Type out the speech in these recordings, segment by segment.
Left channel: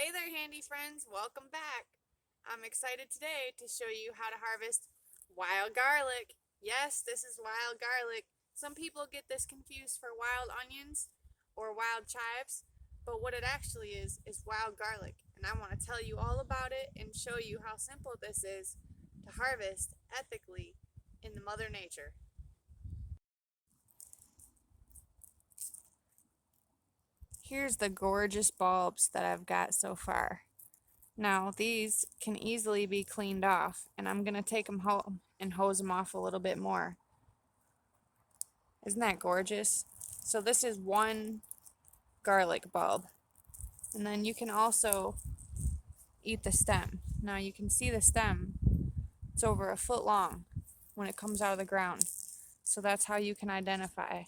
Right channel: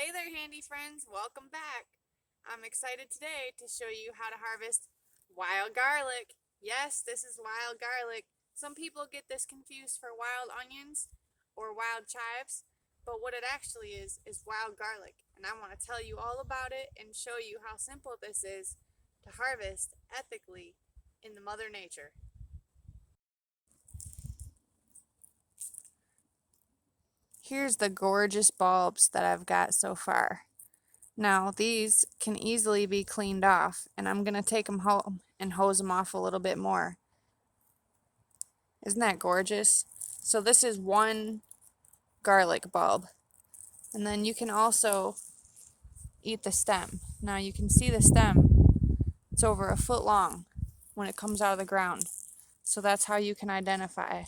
Hey there, handy friends, welcome back. I'm excited today to show you how to harvest wild garlic. Yes, this is wild garlic. Some people get this confused for wild onions or wild chives, but what it actually is wild garlic. And I want to tell you all about it and show you how simple this is to harvest ethically in the Mother Nature. Here's the gorgeous bulbs that I've got so far. Now these can easily be cleaned off, and I'm going to take them home and hose them off a little bit more. Isn't that gorgeous? So this is one garlic bulb. And then you can also eat the stem. Now you can see the stem. It's over a foot long when it comes out of the ground. So that's how you can identify.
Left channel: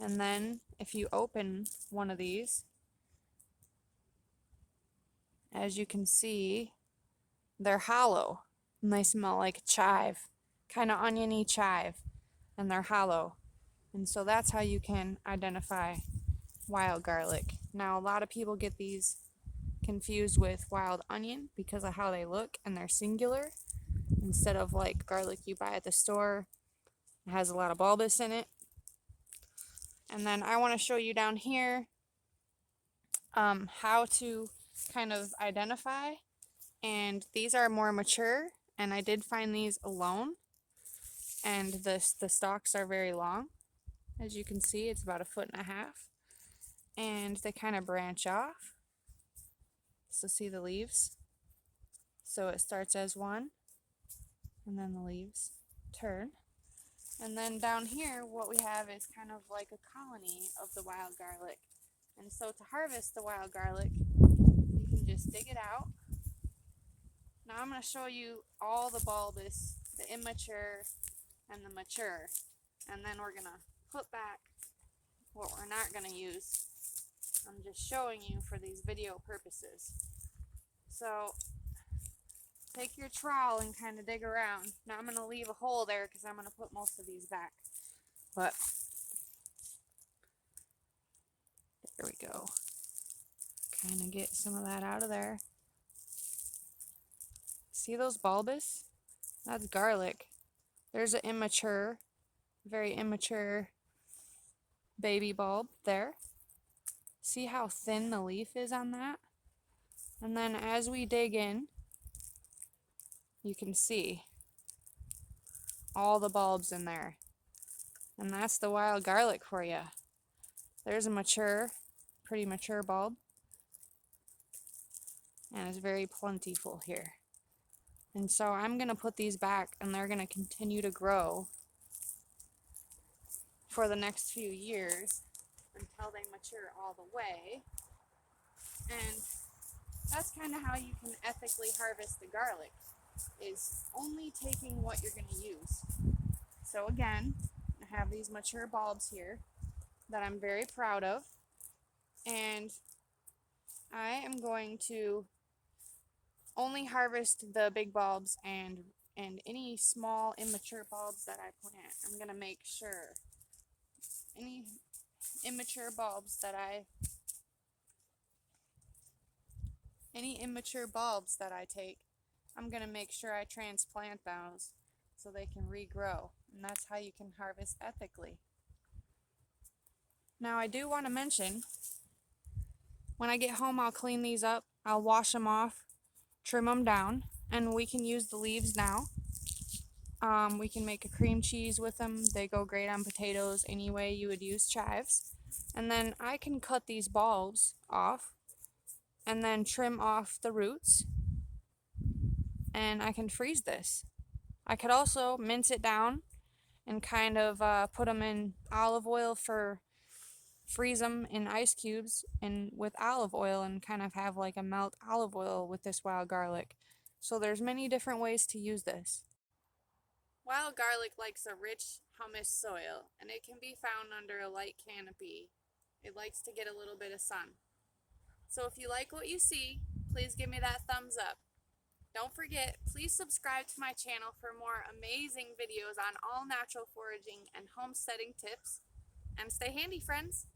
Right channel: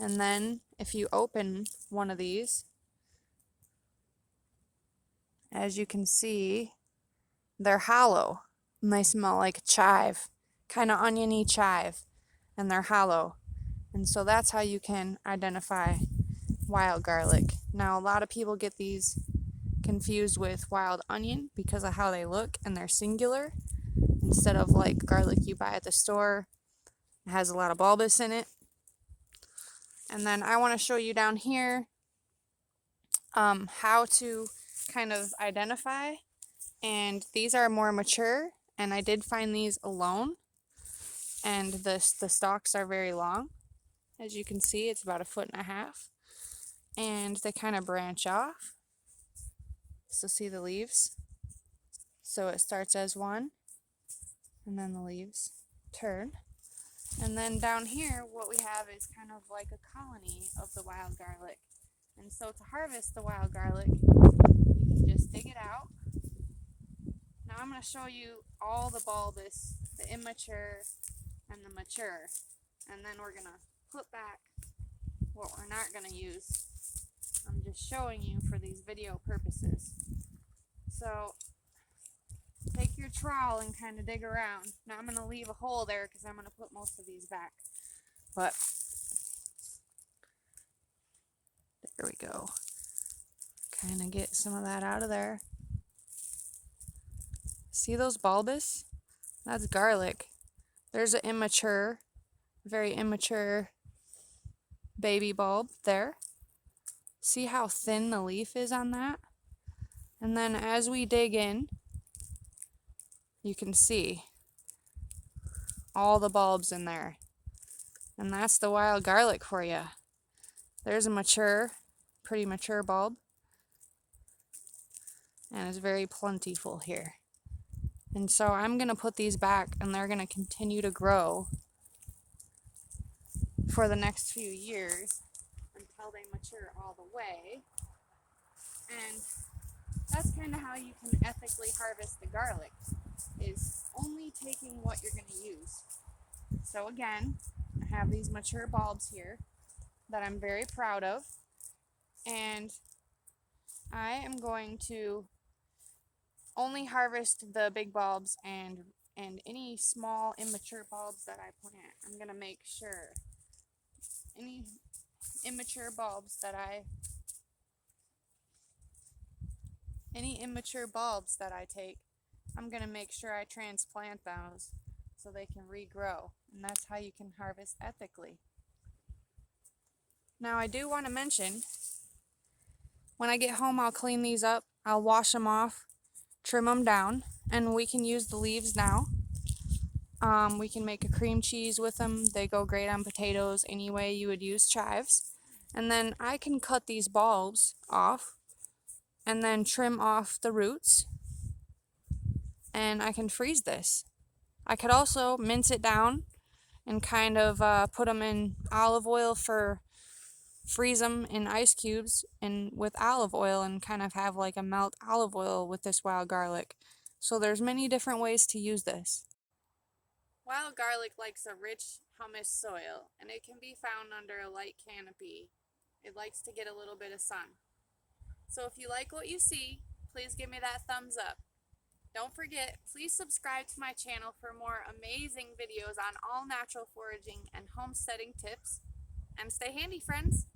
And then if you open one of these, as you can see, they're hollow and they smell like chive, kind of oniony chive, and they're hollow. And so that's how you can identify wild garlic. Now a lot of people get these confused with wild onion because of how they look, and they're singular instead of like garlic you buy at the store. It has a lot of bulbous in it. And then I want to show you down here how to kind of identify. And these are more mature, and I did find these alone, and the stalks are very long. As you can see, it's about 1.5 feet, and they kind of branch off. So see the leaves? So it starts as one, and then the leaves turn. And then down here, what we have is kind of like a colony of the wild garlic. And so to harvest the wild garlic, you can just dig it out. Now I'm going to show you all the bulbous, the immature, and the mature. And then we're going to put back what we're not going to use. I'm just showing you for these video purposes. So take your trowel and kind of dig around. Now I'm going to leave a hole there because I'm going to put most of these back. But there we go. Kind of get some of that out of there. See those bulbous? That's garlic. There's an immature, very immature baby bulb there. See how thin the leaf is on that? And then as we dig in, you can see all the bulbs in there. And that's the wild garlic for you. There's a mature, pretty mature bulb. And it's very plentiful here. And so I'm going to put these back, and they're going to continue to grow for the next few years until they mature all the way. And that's kind of how you can ethically harvest the garlic, is only taking what you're going to use. So again, I have these mature bulbs here that I'm very proud of, and I am going to only harvest the big bulbs and any small immature bulbs that I plant. I'm going to make sure any immature bulbs that I take, I'm going to make sure I transplant those so they can regrow. And that's how you can harvest ethically. Now I do want to mention, when I get home I'll clean these up, I'll wash them off, trim them down, and we can use the leaves now. We can make a cream cheese with them. They go great on potatoes any way you would use chives. And then I can cut these bulbs off and then trim off the roots, and I can freeze this. I could also mince it down and kind of put them in olive oil freeze them in ice cubes and with olive oil, and kind of have like a melt olive oil with this wild garlic. So there's many different ways to use this. Wild garlic likes a rich humus soil, and it can be found under a light canopy. It likes to get a little bit of sun. So if you like what you see, please give me that thumbs up. Don't forget, please subscribe to my channel for more amazing videos on all natural foraging and homesteading tips. And stay handy, friends!